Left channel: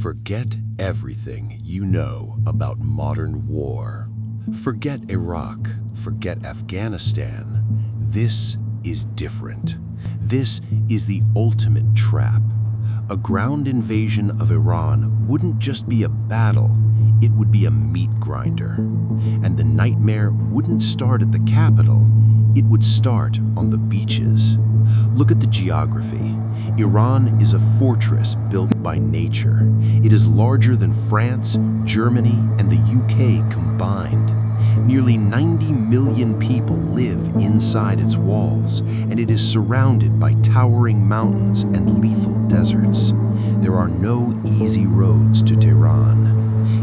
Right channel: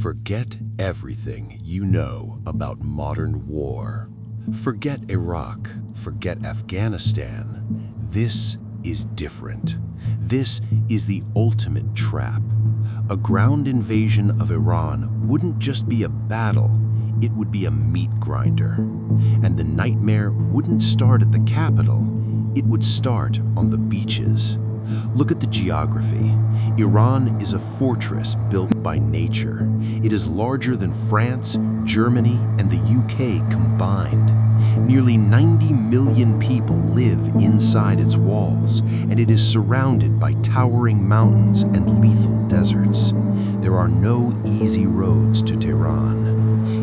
Forget everything you know about modern war. Forget Iraq, forget Afghanistan. This is different. This is the ultimate trap. A ground invasion of Iran wouldn't just be a battle, it would be a meat grinder. And the nightmare wouldn't start at the capital, it would start on the beaches. Look at the geography. Iran is a fortress built by nature. It is larger than France, Germany, and the UK combined. Nearly 90 million people live inside its walls, and it is surrounded by towering mountains and lethal deserts. There are no easy roads to Tehran.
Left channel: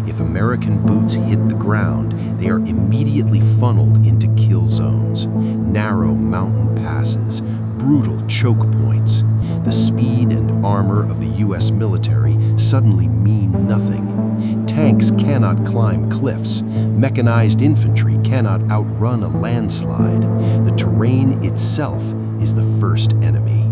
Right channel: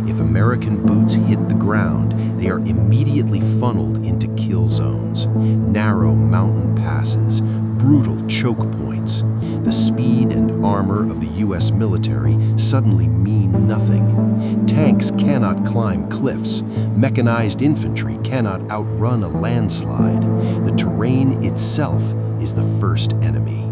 If American boots hit the ground, they are immediately funneled into kill zones, narrow mountain passes, brutal choke points. The speed and armor of the US military suddenly mean nothing. Tanks cannot climb cliffs. Mechanized infantry cannot outrun a landslide. The terrain itself is the first enemy.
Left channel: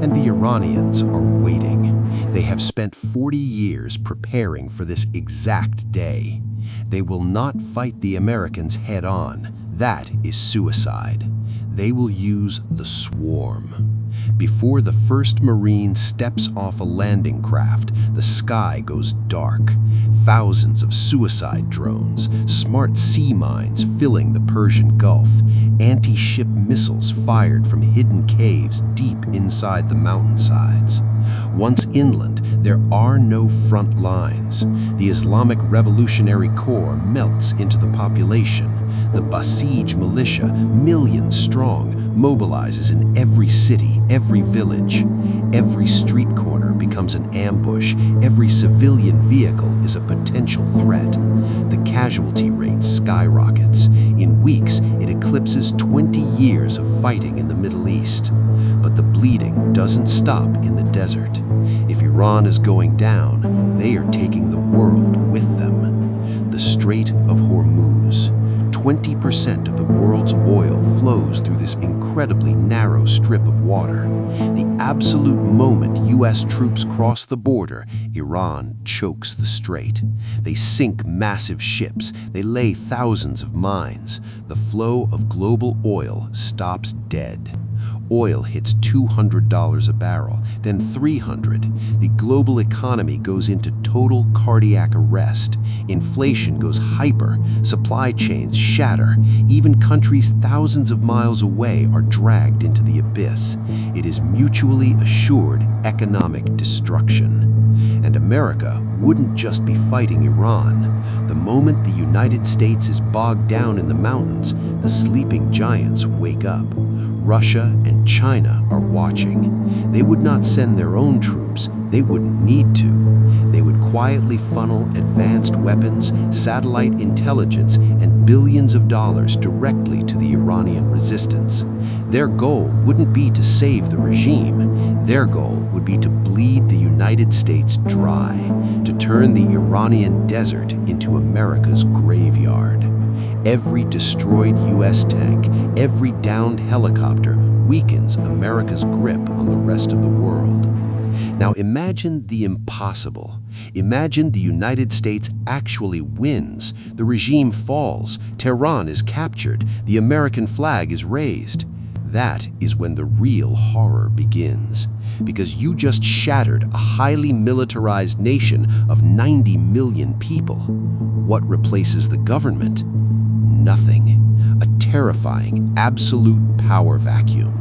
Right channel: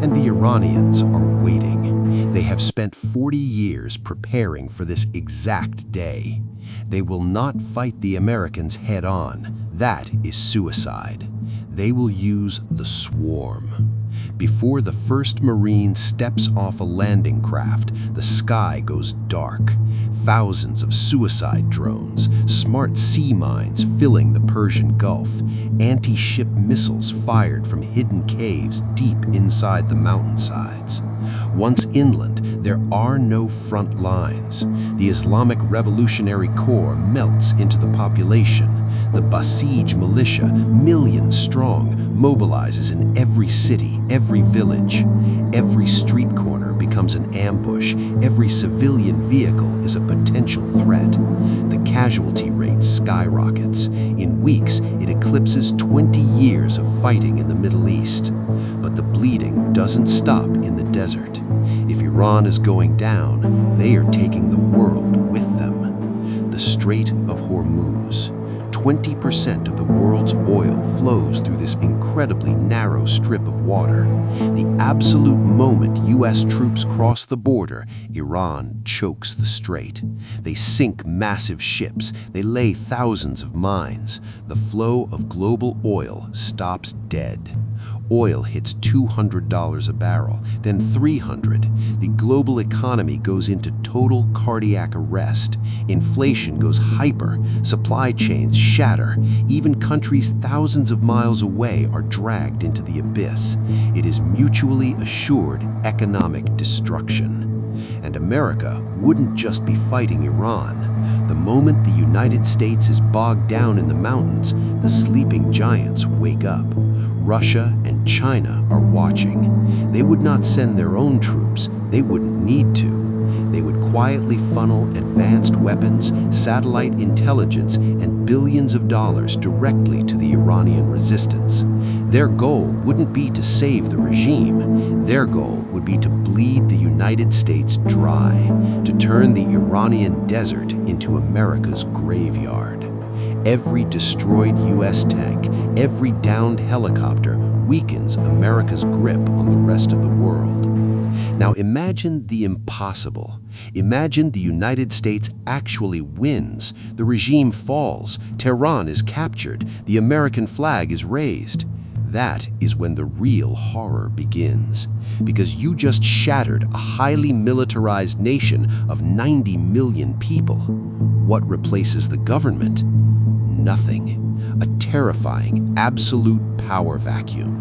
And the Iranians are waiting. They have spent 40 years preparing for this exact day. They will not fight the Americans head-on. That is suicide. They will use the swarm. Before the first Marine steps off a landing craft, the sky goes dark. Thousands of suicide drones, smart sea mines filling the Persian Gulf, anti-ship missiles fired from hidden caves deep inside the mountainsides. Once inland, there are no front lines. The Islamic Revolutionary Corps melts into the population. The Basij militia, millions strong, mobilizes in every city, every village. Every street corner becomes an ambush. Every civilian vehicle is a potential threat. The casualty rate skyrockets. In weeks, it eclipses 20 years of fighting in the Middle East. But the bleeding doesn't stop in the desert. If Iran is going down, they are taking the world with them. The Strait of Hormuz. 20% of the world's oil flows through this incredibly narrow strip of water. The absolute moment US troops cross the border, Iran chokes the strait. They sink massive ships, they lay thousands of mines. The flow of global oil stops dead. Oil hits $200 a barrel, then $300. The global economy goes into total cardiac arrest. Inflation goes hyper. Supply chains shatter. Even countries thousands of miles away are dragged into the abyss. It is mutually assured economic destruction. And America wouldn't just be fighting Iran. The moment the United States is bogged down in the mountains, the sleeping giants wake up. Russia and China are watching. They would not send their own troops. They wouldn't need to. They would quietly funnel advanced weapons, satellite intelligence, and billions of dollars directly to the Iranian resistance. Their goal wouldn't be to save the regime. Their goal would be to bleed the United States dry, to turn the Iranian desert into America's graveyard. Every destroyed US tank, every downed helicopter weakens America's grip on the rest of the world. Now imagine the impossible. Imagine the United States actually wins. The regime falls. Tehran is captured. The American flag is raised. That is when the real horror begins. Because you just shattered a highly militarized nation of 90 million people. What replaces the government? Nothing. A terrifying, absolute power vacuum.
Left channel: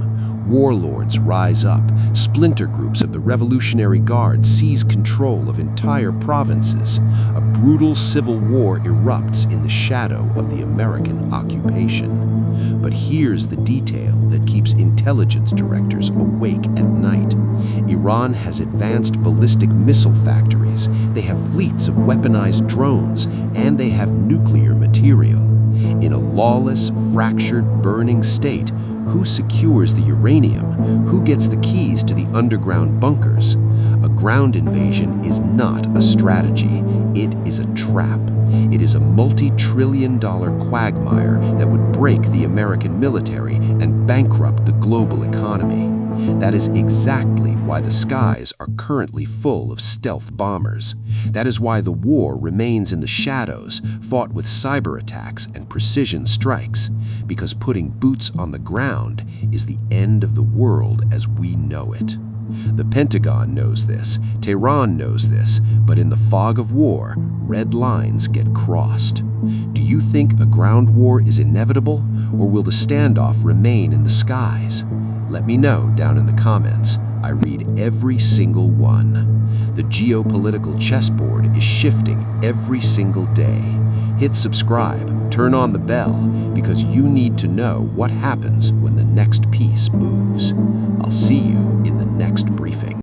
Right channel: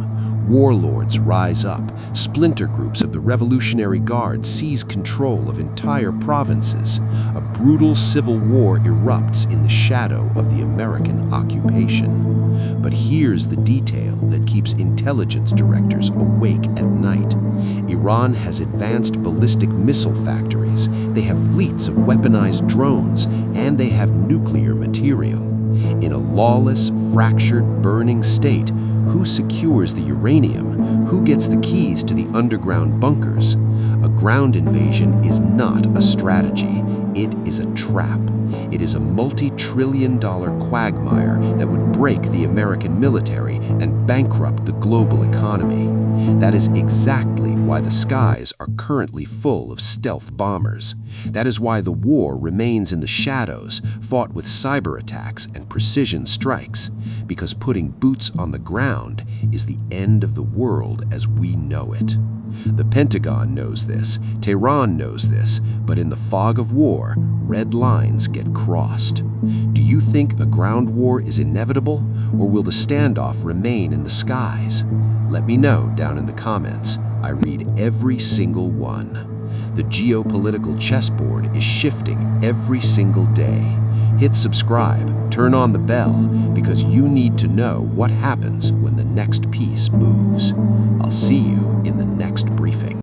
Warlords rise up. Splinter groups of the Revolutionary Guard seize control of entire provinces. A brutal civil war erupts in the shadow of the American occupation. But here's the detail that keeps intelligence directors awake at night. Iran has advanced ballistic missile factories. They have fleets of weaponized drones, and they have nuclear material. In a lawless, fractured, burning state, who secures the uranium? Who gets the keys to the underground bunkers? A ground invasion is not a strategy. It is a trap. It is a multi-trillion-dollar quagmire that would break the American military and bankrupt the global economy. That is exactly why the skies are currently full of stealth bombers. That is why the war remains in the shadows, fought with cyber attacks and precision strikes, because putting boots on the ground is the end of the world as we know it. The Pentagon knows this, Tehran knows this, but in the fog of war, red lines get crossed. Do you think a ground war is inevitable, or will the standoff remain in the skies? Let me know down in the comments. I read every single one. The geopolitical chessboard is shifting every single day. Hit subscribe, turn on the bell, because you need to know what happens when the next piece moves. I'll see you in the next briefing.